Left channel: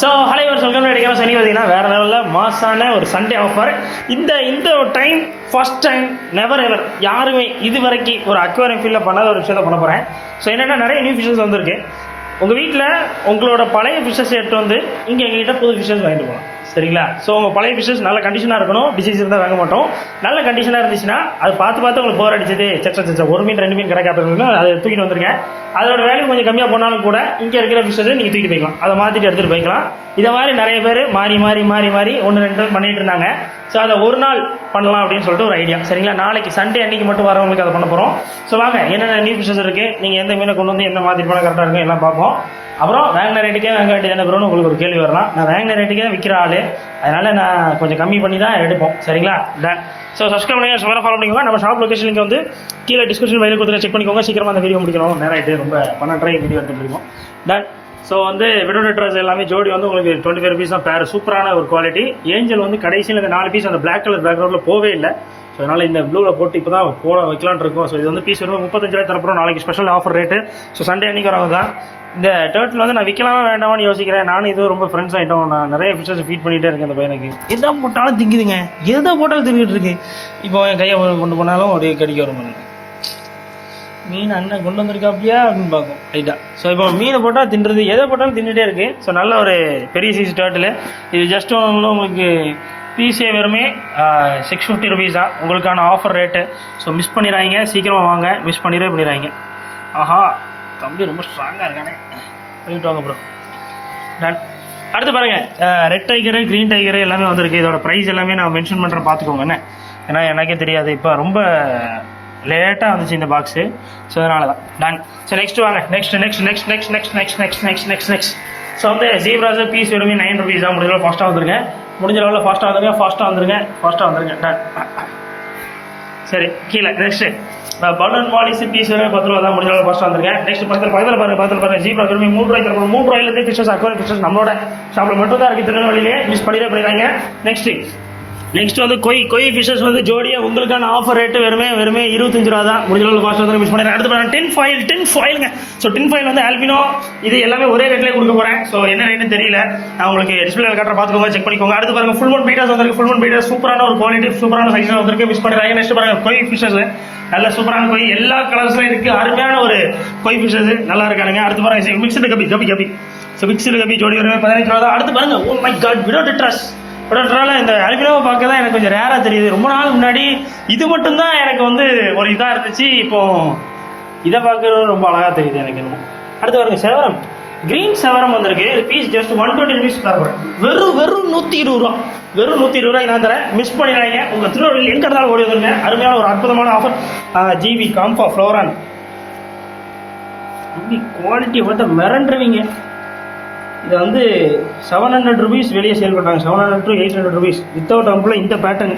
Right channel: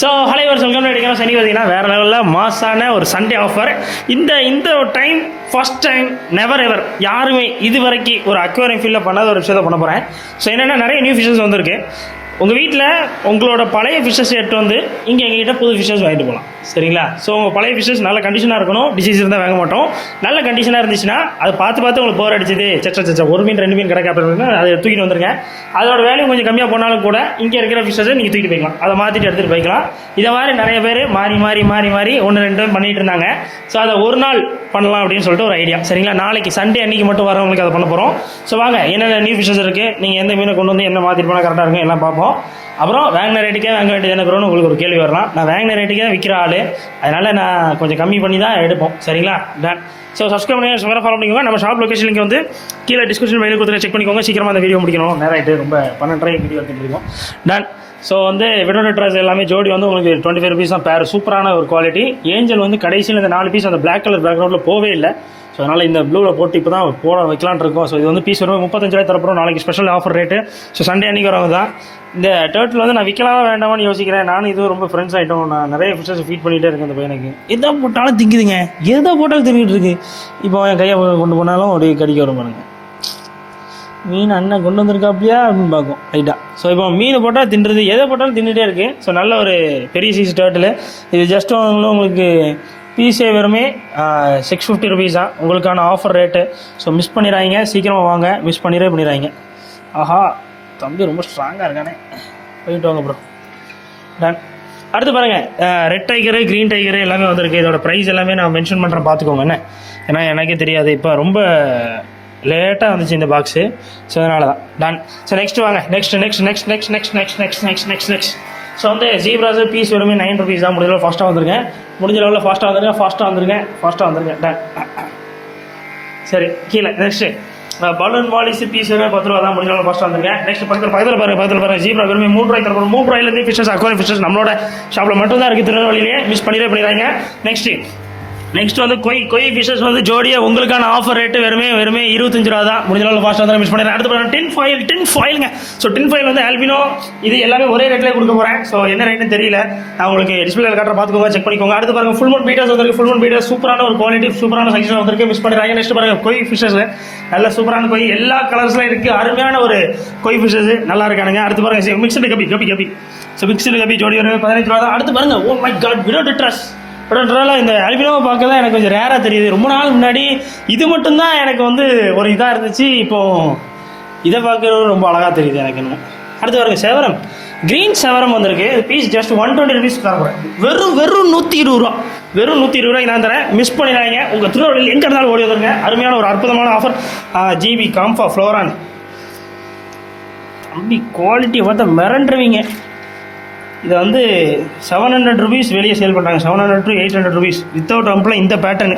So hello ஒரு சொல்கிற எடுக்கலாம் சனி பார்த்தீங்கன்னா வேறு லெவலில் மாசான ஒரு சண்டே ஆஃபர். இந்த time first time never ever யாருமே இது வரைக்கும் ஒரு அக்வேரியம் ஃபீல்டில் பண்ணாத ஒரு விஷயத்தை பண்ண போகிறேன். ஸோ என்னென்னா நிறைய நியூ ஃபிஷஸ் வந்திருக்கு. உங்கள் வீட்டில் உங்களோட பழைய ஃபிஷஸ் எடுத்து வந்து இங்கே எங்ககிட்ட புது ஃபிஷஸ் வாங்கிட்டு போகலாம், சரிங்களா? ஸோ உங்கள் பழைய ஃபிஷஸ் நல்ல கண்டிஷனாக இருக்கணும், டிசீஸ் இருந்தால் வாங்க மாட்டோம். நல்ல கண்டிஷனாக இருந்துச்சுன்னா அது பார்த்து உங்களுக்கு போர் அடிச்சது சச்சா ஒரு மீன் 2 மீன் கிடக்காட்டுனா அதை தூக்கிட்டு வந்துருங்க. அதோட வேல்யூ கொஞ்சம் கம்மியாக போனாலும் கூட இங்கே இருக்கிற ஃபிஷஸை நீங்கள் தூக்கிட்டு போய்க்கலாம், அதை மாற்றிட்டு எடுத்துகிட்டு போய்க்கலாம். இதை மாதிரி நிறைய பேர் மாறி 1-2 பண்ணிட்டு இருந்தாங்க. ஸோ அதை ஒரு நாள் பண்ணலாம் அப்படின்னு சொல்லிட்டு ஒரு ஐடியா, சரிங்களா? நாளைக்கு சண்டே அன்றைக்கி மட்டும் வரவங்களுக்கு அதை பண்ண போகிறோம். ஸோ வாங்க என்னென்ன நியூ ஃபிஷஸ் இருக்குது, நீங்கள் எந்த மீனை கொண்டு வந்து என்ன மாற்றிட்டு போனால் கரெக்டாக இருக்கும் எல்லாம் பார்ப்போம். அப்புறம் வாங்கின ரேட்டுக்கே வாங்க வேண்டியது என்ன ப்ரோன்னு உங்களுக்கு ஒரு கேள்வி வரலாம். நான் வாங்கின ரேட்டுக்கே தான் விற்கிற ஆள், அதனால் நான் கொஞ்சம் கம்மி பண்ணி தான் எடுப்போம், சரிங்களா? டன். ஸோ சப்ஸ்கிரைப் பண்ணி வேறு ஃபாலோ பண்ணிக்கோங்க. நம்ம ஷாப் லொக்கேஷன் லிங்க் வந்து கீழே டிஸ்கிரிப்ஷன் பண்ணி கொடுத்து செக் பண்ணிக்கோங்க. சீக்கிரமாக இந்த வீடியோ முடிக்கணும், நேரம் ஆகிட்டு ரொம்ப 12 வீடியோ எடுத்து முடியும். டன். ஸோ வந்து விடோட ட்ரெஸ் எல்லாமே ஜோடி வந்து உங்களுக்கு 25 rupees தான் பேர். சூப்பரான ஒரு குவாலிட்டி. ஏஞ்சல் வந்து கடைசியில் இந்த 4 பீஸ் அந்த பிளாக் கலர் பேக்ரவுண்டில் போவே இல்லை. ஸோ அதனால் இந்த ப்ளூவில் போட்டு இப்போ தான் வைக்கலான்னு இருக்கோம். ஸோ இது வந்து பீஸ் வரும் 35 தரப்புறோம். நாளைக்கு special offer rate. So Sunday அன்றைக்கி வரவங்க தான். இந்த டர்ட்டில் வந்து நான் விற்கலாமா வேண்டாமான்னு யோசிக்கிறேன். நானும் இது ரொம்ப ஃப்ரெண்ட்ஸ் ஆகிட்டோம். நான் நிறைய ஃபிஷஸ் ஃபீட் பண்ணிகிட்டே இருக்கேன். அந்த பையனுக்கு எதை போட்டாலும் திங்குதுங்க, எதை போட்டாலும் தின்னுட்டு இருக்கு. இப்போ என் கையை கொண்டு போனாலும் ஒரு கடிக்க வரும் பாருங்க. மீன் அண்ணன் கொண்டு வந்திருக்கா அப்படியா அப்படின்னு பார்க்கும் ரைட்டாக. ஸோ இப்போ மீனை போட்டால் தின்னுறது, எதை போட்டாலும் தின்னுட்டே இருக்குது. ஸோ நல்ல ஒரு பெரிய சைஸ் டர்ட்டில். இது ஜஸ்ட் உங்களுக்கு பீஸே வெறுமே 650 rupees தான் உங்களுக்கான ஆஃபர் ரேட்டு. ஸோ மிஸ் பண்ணிடுறாங்க, சீக்கிரமாக வாங்க, மிஸ் பண்ணிடுறாங்க. ஆஹா தம்பி ரொம்ப ஸ்ட்ராங்காக இருக்கானே, போயிட்டு வாங்க ப்ரோ. டன். அடுத்து பாருங்கள், ரெட் டைகரு க்ரீன் டைகரு எல்லாமே வந்திருக்கு. இதோட ப்ரைஸ் எல்லாமே நான் மென்ஷன் பண்ணுறேன், பார்த்துக்கோங்க என்ன. ஏன்னா எனக்கே தெரியாது, இப்போ ரொம்ப லேட்டாக வந்துச்சு இந்த பாக்ஸு. ஸோ அதனால தான். டன். ஸோ நெக்ஸ்ட் வாங்க, நெக்ஸ்ட் ஸோ வந்து ஜீப்ராஸு பீஸ் வெறுமே 9 rupees தான். முடிஞ்ச ஃபாஸ்ட்டாக வந்துருங்க, ஃபாஸ்ட்டாக வந்துருங்க. டன். சரி கீழே நெக்ஸ்ட்டு பலூன் மாலிஸ் பீஸ் வேறு 10 ரூபா தான். முடிஞ்ச ஃபாஸ்ட்டாக வந்துருங்க. நெக்ஸ்ட் பக்கத்தில் பாருங்கள் ஜீப்ரா வெறுமே 3 ரூபாய்க்கு தரப்போம். 3 ரூபாயிலேருந்து ஃபிஷஸ் அக்வாரியம் ஃபிஷஸ் நம்மளோட ஷாப்பில் மட்டும் தான் இருக்குது, திருநெல்வேலியிலே. மிஸ் பண்ணிடுறாங்க. நெக்ஸ்ட் வந்து கொய் ஃபிஷஸ் வந்து ஜோடியாக உங்களுக்கான ஆஃபர் ரேட்டு வெறுமே 25 ரூபா தான். முடிஞ்ச ஃபாஸ்ட்டாக தான் மிஸ் பண்ணுறேன். அடுத்து பாருங்கள் டின் ஃபாயிலுங்க. ஸோ டின் ஃபாயில் வந்து ஆல்பினோ இது எல்லாமே ஒரே ரேட்லேயே கொடுக்க போகிறேன். ஸோ என்ன ரேட்டுன்னு தெரியல, நான் உங்களுக்கு டிஸ்பிளே காட்டுற பார்த்துக்கோங்க, செக் பண்ணிக்கோங்க. அடுத்து பாருங்கள் ஃபுல் மூன் பீட்டர்ஸ் வந்திருக்கு. ஃபுல் மூன் பீட்டர்ஸ் சூப்பரான ஒரு குவாலிட்டி, சூப்பரான சைஸாக வந்திருக்கு, மிஸ் பண்ணுறாங்க. நெக்ஸ்ட் பாருங்கள் கொய் ஃபிஷஸ், நல்ல சூப்பரான கொய், எல்லா கலர்ஸ்லையும் இருக்குது. அருமையான ஒரு கொய் ஃபிஷஸ் நல்லா இருக்கானுங்க. அடுத்து பாருங்கள் mixed guppy. So mixed guppy ஜோடி ஒரு 15 ரூபா தான். அடுத்து பாருங்கள் ஓ மை காட் விடோட் ட்ரஸ். இந்த ஆல்பினோவை பார்க்க தான் எனக்கு கொஞ்சம் ரேராக தெரியுது. ரொம்ப நாள் முன்னாடி இது மட்டும்தான் எனக்கு வந்து ஒரு இதாக இருந்துச்சு. இப்போது இதை பார்க்குறது ரொம்ப அழகாக தெரியுது எனக்கு இன்னும். அடுத்து பாருங்கள் செவரம், க்ரீன் செவரம் வந்திருக்கு. பீஸ் ஜஸ்ட் 120 rupees தரேன். வெறும் 120 ரூபா. வெறும் 120 ரூபாய்க்கு நான் தரேன். மிஸ் பண்ணிடுறாங்க. உங்கள் திருவள்ளுவர் எங்கே இருந்தாலும் ஓடி வருங்க. அருமையான ஒரு அற்புதமான ஆஃபர். ஜிபி காம்ஃபா ஃப்ளோரான் அப்படி குவாலிட்டி பார்த்தா மிரண்டுருவீங்க. இதை வந்து 700 rupees வெளியே சேல் பண்ணுறாங்க. 700 to 800 rupees வித்தவுட் அங்குள்ள இந்த பேட்டர்னு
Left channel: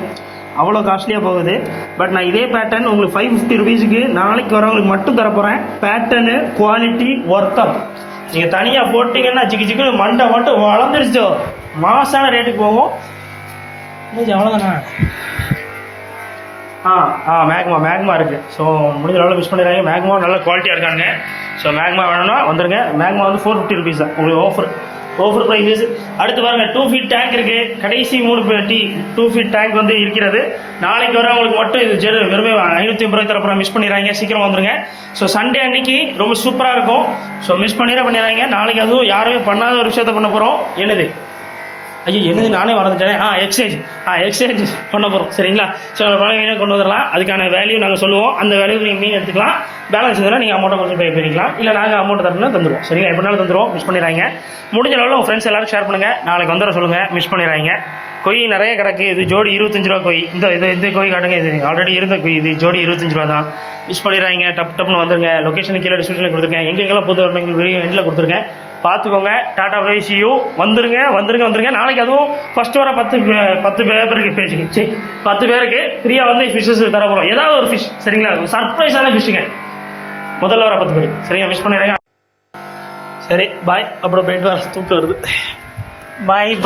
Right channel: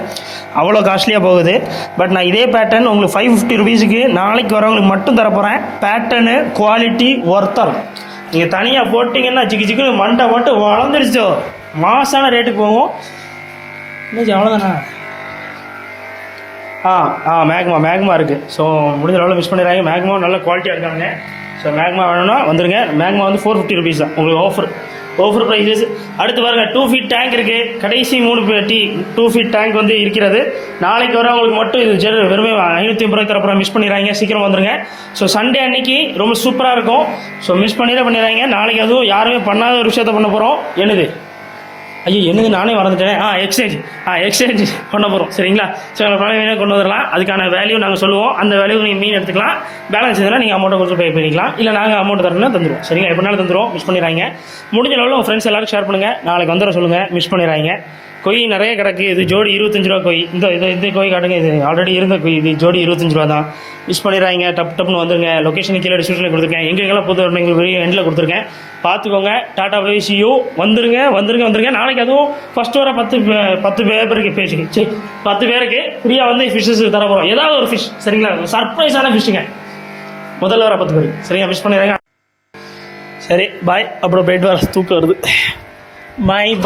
அவ்வளோ காஸ்ட்லியாக போகுது. பட் நான் இதே பேட்டர்ன் உங்களுக்கு 550 rupeesக்கு நாளைக்கு வரவங்களுக்கு மட்டும் தரப்போகிறேன். பேட்டர்னு குவாலிட்டி ஒர்த்தம். நீங்கள் தனியாக போட்டிங்கன்னா சிக்கு மண்டை மட்டும் வளர்ந்துருச்சோ மாசான ரேட்டுக்கு போகும். இன்னும் அவ்வளோதானா? மேக்மா இருக்குது. ஸோ முடிஞ்ச அளவில் மிஸ் பண்ணிடுறாங்க. மேக்மா நல்ல குவாலிட்டியாக இருக்காங்க. ஸோ மேக்மா வேணும்னா வந்துடுங்க. மேக்மா வந்து 450 rupees தான் உங்களுக்கு ஆஃபர் ப்ரைஸஸ். அடுத்து பாருங்கள் 2 feet டேங்க் இருக்குது. கடைசி 3 பெட்டி 2 feet டேங்க் வந்து இருக்கிறது. நாளைக்கு வரவங்களுக்கு மட்டும் இது வெறுமே 550 ரூபாய் தரப்புறம். மிஸ் பண்ணிடுறாங்க, சீக்கிரம் வந்துடுங்க. ஸோ சண்டே அன்னைக்கு ரொம்ப சூப்பராக இருக்கும். ஸோ மிஸ் பண்ணிடுறாங்க. நாளைக்கு அதுவும் யாருமே பண்ணாத ஒரு விஷயத்தை பண்ண போகிறோம். என்னது நானே மறந்துட்டேன். எக்ஸ்சேஞ்ச் பண்ண போகிறோம், சரிங்களா? ஸோ பழைய கொண்டு வரலாம். அதுக்கான வேல்யூ நாங்கள் சொல்லுவோம். அந்த வேல்யூ நீங்கள் மீன் எடுத்துக்கலாம். பேலன்ஸ் இதெல்லாம் நீங்கள் அமௌண்ட்டை கொடுத்து பே பண்ணிக்கலாம். இல்லை நாங்கள் அமௌண்ட் தரணும்னா தந்துடுவோம், சரிங்களா? எப்படினாலும் தந்துடுவோம். மிஸ் பண்ணிடுறாங்க. முடிஞ்ச அளவில் உங்கள் ஃப்ரெண்ட்ஸ் எல்லாரும் ஷேர் பண்ணுங்கள். நாளைக்கு வந்துட சொல்லுங்கள். மிஸ் பண்ணிடுறாங்க. கொய் நிறைய கிடக்கு. இது ஜோடி 25 ரூபா கொய். இந்த கொய் காட்டுங்க. இது ஆல்ரெடி இருந்த கொய். இது ஜோடி 25 ரூபா தான். மிஸ் பண்ணிடுறாங்க. டப்புன்னு வந்துருங்க. லொக்கேஷன் கீழே டிஸ்கிரிப்ஷனில் கொடுத்துருக்கேன். எங்கெங்கெல்லாம் பொது எங்கள் எண்டில் கொடுத்துருக்கேன், பார்த்துக்கோங்க. Tata bye see you. வந்துருங்க. நாளைக்கு அதுவும் ஃபர்ஸ்ட் வர 10 பேருக்கு பேசுங்க. சரி 10 பேருக்கு ஃப்ரீயாக வந்து ஃபிஷ்ஷஸ் தர போகிறோம். ஏதாவது ஒரு ஃபிஷ், சரிங்களா? சர்ப்ரைஸான ஃபிஷ்ஷுங்க. முதல்ல வர 10 பேருக்கு, சரிங்களா? மிஸ் பண்ணிடுறாங்க. சரி பாய். அப்புறம் போயிட்டு வர தூக்கம் வருது. பாய்.